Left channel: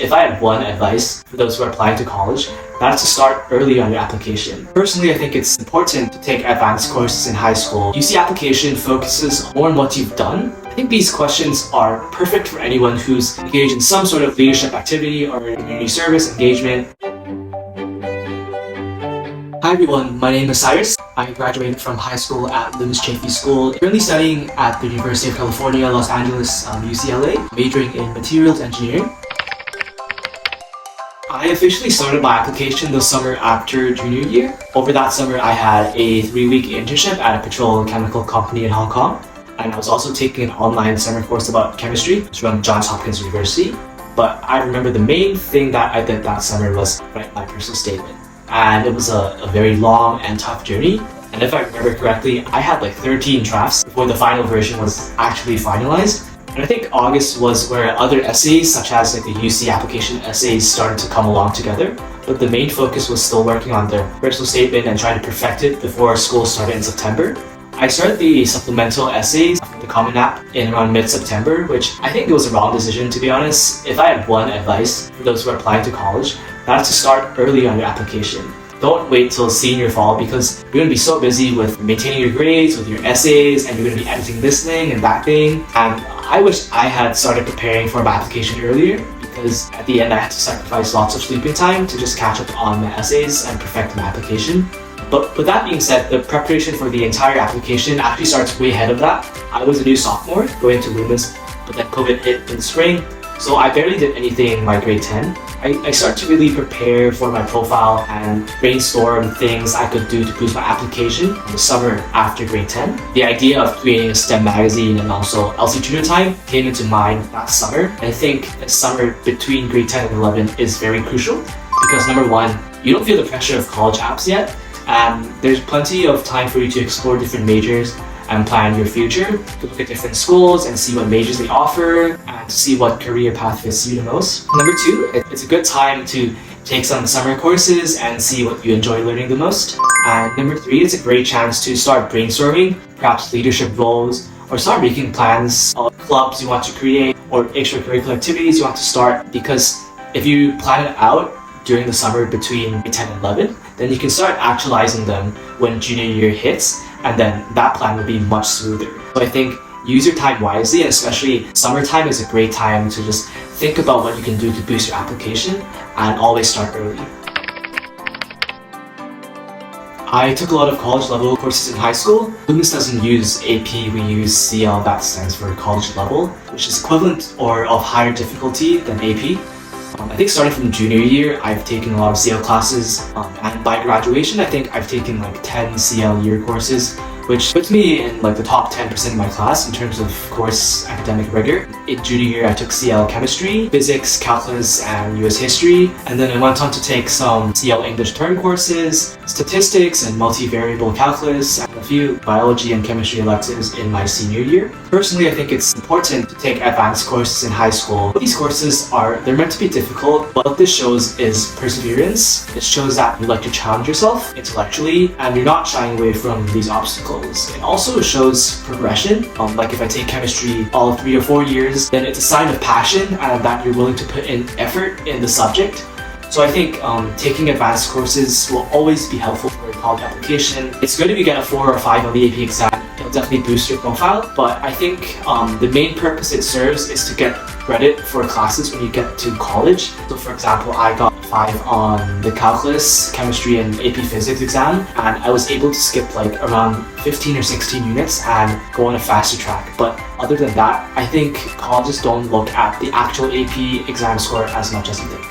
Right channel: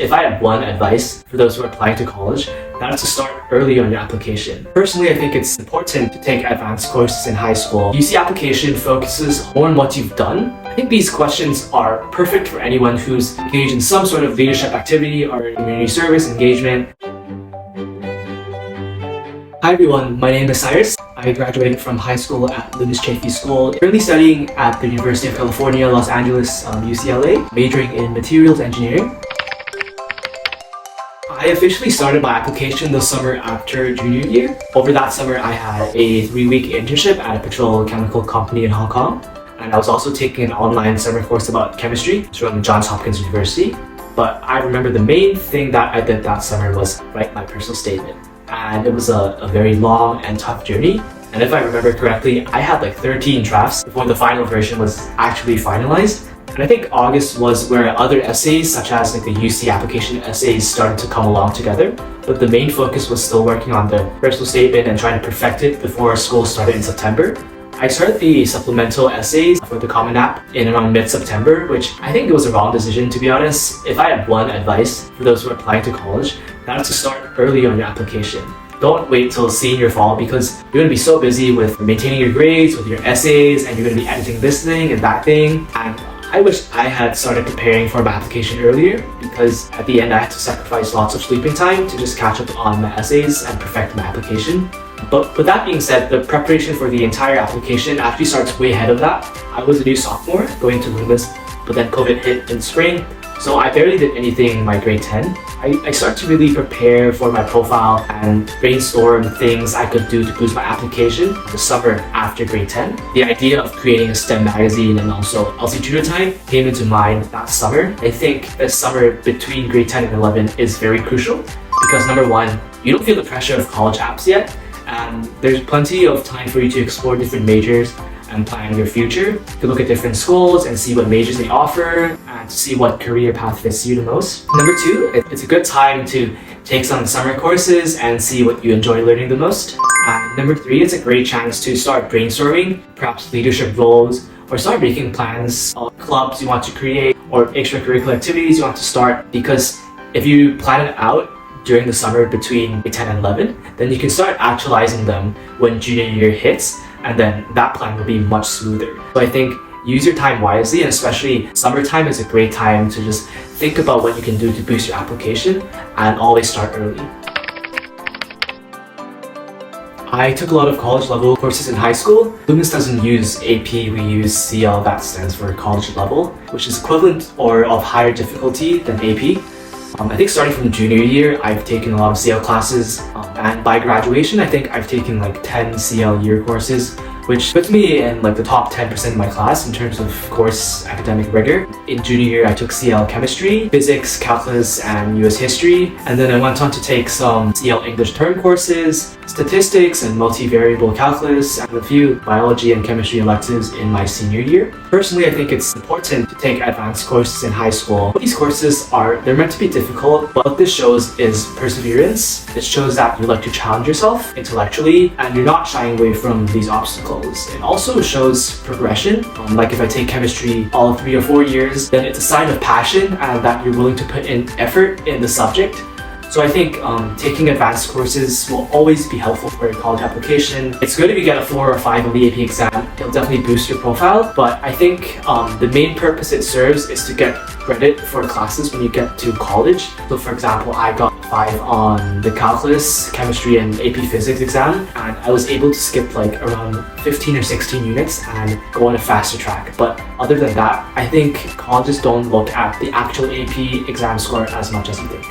if I had one advice for those who are applying to college, that's to start early on your application. Personally, I think it's important to take advanced courses in high school. UC application focuses more on what you've done. I think these questions are perfect for anyone who's engaged in some sort of leadership activity or community service engagement. Hi everyone, my name is Cyrus. I graduated from high school at Loomis Chaffee School. Currently studying at the University of California, Los Angeles, UCLA, majoring in materials engineering. I officially started my application the summer after junior year. Over that summer, I had a 3-week internship at a petrochemical company in Hong Kong. And I was also taking an online summer course about chemistry from Johns Hopkins University. But I remember the main thing that I did that summer was write my personal statement. And it was a very long and tough journey. And if I remember correctly, I had like 13 drafts before the final version was actually finalized. And I think August was where other essays, such as like the UC application essays, started to come along together. But the main focus was still working on the personal statement and trying to perfect it before school started in September. I started the supplemental essays for the Common App in around mid-September, which I think it was a wrong decision, to be honest. If I had one advice for those who are applying to college, that's to start early on your application. Don't wait till senior fall because you're going to be so busy with maintaining your grades, with your essays, and you're going to be editing this thing and that thing. And I wish I had started preparing for my application earlier because at the end I had to sacrifice lots of sleeping time to just catch up on my essays and perfect my application. But with that being said, the preparation for the entire application actually starts way ahead of that. I was a new sophomore going to Loomis, but then COVID hit in spring, so I barely did anything in my grade 10. I started to really prepare for my profile and brainstorm things I could do to boost my application the summer after grade 10. The idea of creating a STEM magazine and also LC Tutor Time came into mind that summer. I think the summer between grade 10 and 11 is very crucial because number one, you don't feel the pressure of college apps yet, and there's plenty of time for you to explore different majors and plan your future. You can look at different schools and see what majors they offer and to see what career path fits you the most. Number two, it's a good time to take some summer courses and see what you enjoy learning the most. And number three, it's a great chance to start brainstorming, perhaps leadership roles, or start making plans of clubs you want to create or extracurricular activities you want to start, because if you plan it out during the summer between 10 and 11, then you can start actualizing them when junior year hits, and then that plan will be much smoother. So I think use your time wisely, and especially summertime is a great time to just think about what you can do to boost your application and always start early. I took a lot of college level courses in high school. Loomis doesn't use AP, we use CL, that stands for college level, which is equivalent or of higher difficulty than AP. I think starting from junior year, I've taken a lot of CL classes, and by graduation, I think I've taken like 10 CL year courses, which puts me in like the top 10% of my class in terms of course academic rigor. In junior year, I took CL chemistry, physics, calculus, and US history, and then I went on to take some CL English term courses, statistics and multivariable calculus, and a few biology and chemistry electives in my senior year. Personally, I think it's important to take advanced courses in high school. These courses they're meant to be difficult, but what this shows is perseverance. It shows that you like to challenge yourself intellectually and you're not shying away from these obstacles. It also shows progression. Like if I take chemistry all 3 or 4 years, then it's a sign of passion and that you're willing to put in effort in the subject. So I think taking advanced courses will always be helpful for your college application. It's good if you get a 4 or 5 on the AP exam. It'll definitely boost your profile, but I think the main purpose it serves is to get credit for classes when you get to college. So for example, I got 5 on the calculus, chemistry, and AP physics exam, and I was able to skip like around 15 or 16 units and go on a faster track. But other than that, I think colleges don't look at the actual AP exam score as much as you think.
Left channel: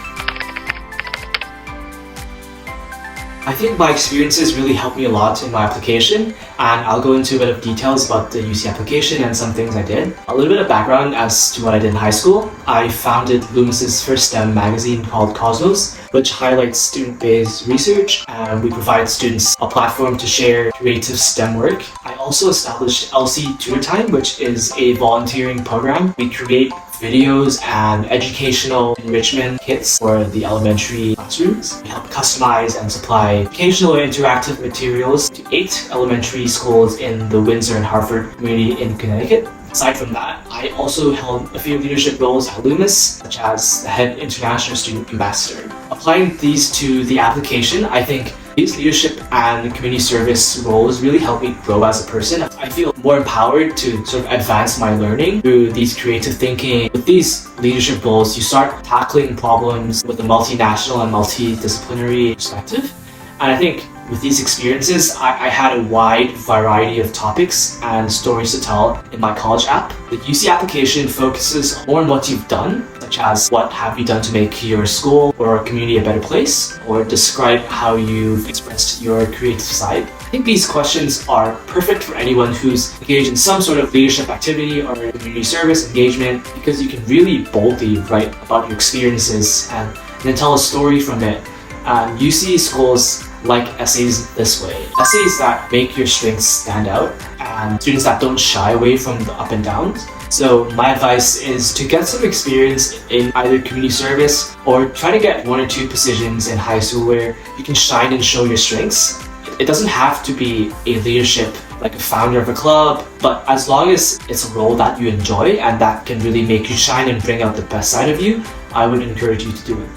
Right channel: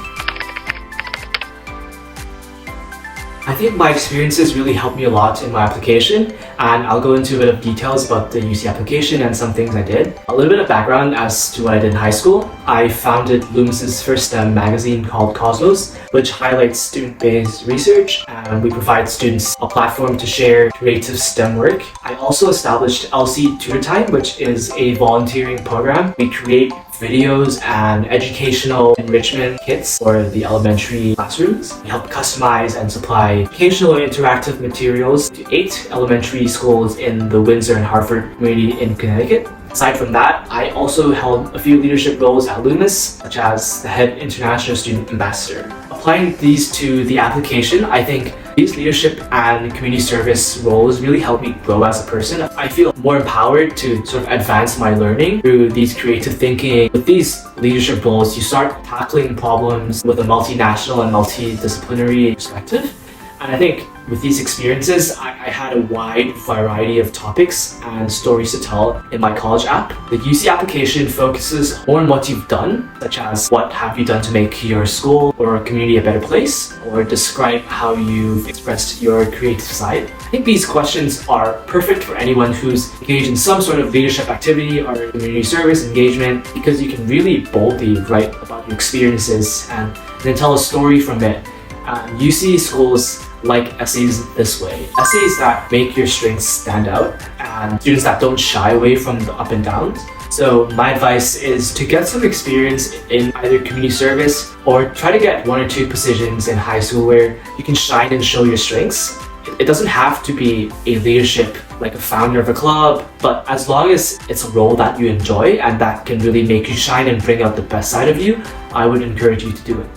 I think my experiences really helped me a lot in my application, and I'll go into a bit of details about the UC application and some things I did. A little bit of background as to what I did in high school. I founded Loomis's first STEM magazine called Cosmos, which highlights student-based research, and we provide students a platform to share creative STEM work. I also established LC Tutor Time, which is a volunteering program. We create videos and educational enrichment kits for the elementary classrooms. We help customize and supply educational and interactive materials to 8 elementary schools in the Windsor and Hartford community in Connecticut. Aside from that, I also held a few leadership roles at Loomis, such as the head international student ambassador. Applying these to the application, I think these leadership and community service roles really helped me grow as a person. I feel more empowered to sort of advance my learning through these creative thinking. With these leadership roles, you start tackling problems with a multinational and multidisciplinary perspective. And I think with these experiences, I had a wide variety of topics and stories to tell in my college app. The UC application focuses more on what you've done, such as what have you done to make your school or community a better place, or describe how you've expressed your creative side. I think these questions are perfect for anyone who's engaged in some sort of leadership activity or community service engagement, because you can really boldly write about your experiences and then tell a story from it. UC schools like essays this way. Essays that make your strengths stand out and students that don't shy away from the up and downs. So my advice is to get some experience in either community service or try to get 1 or 2 positions in high school where you can shine and show your strengths. It doesn't have to be a leadership like a founder of a club, but as long as it's a role that you enjoy and that can really make you shine and bring out the best side of you, I would encourage you to do it.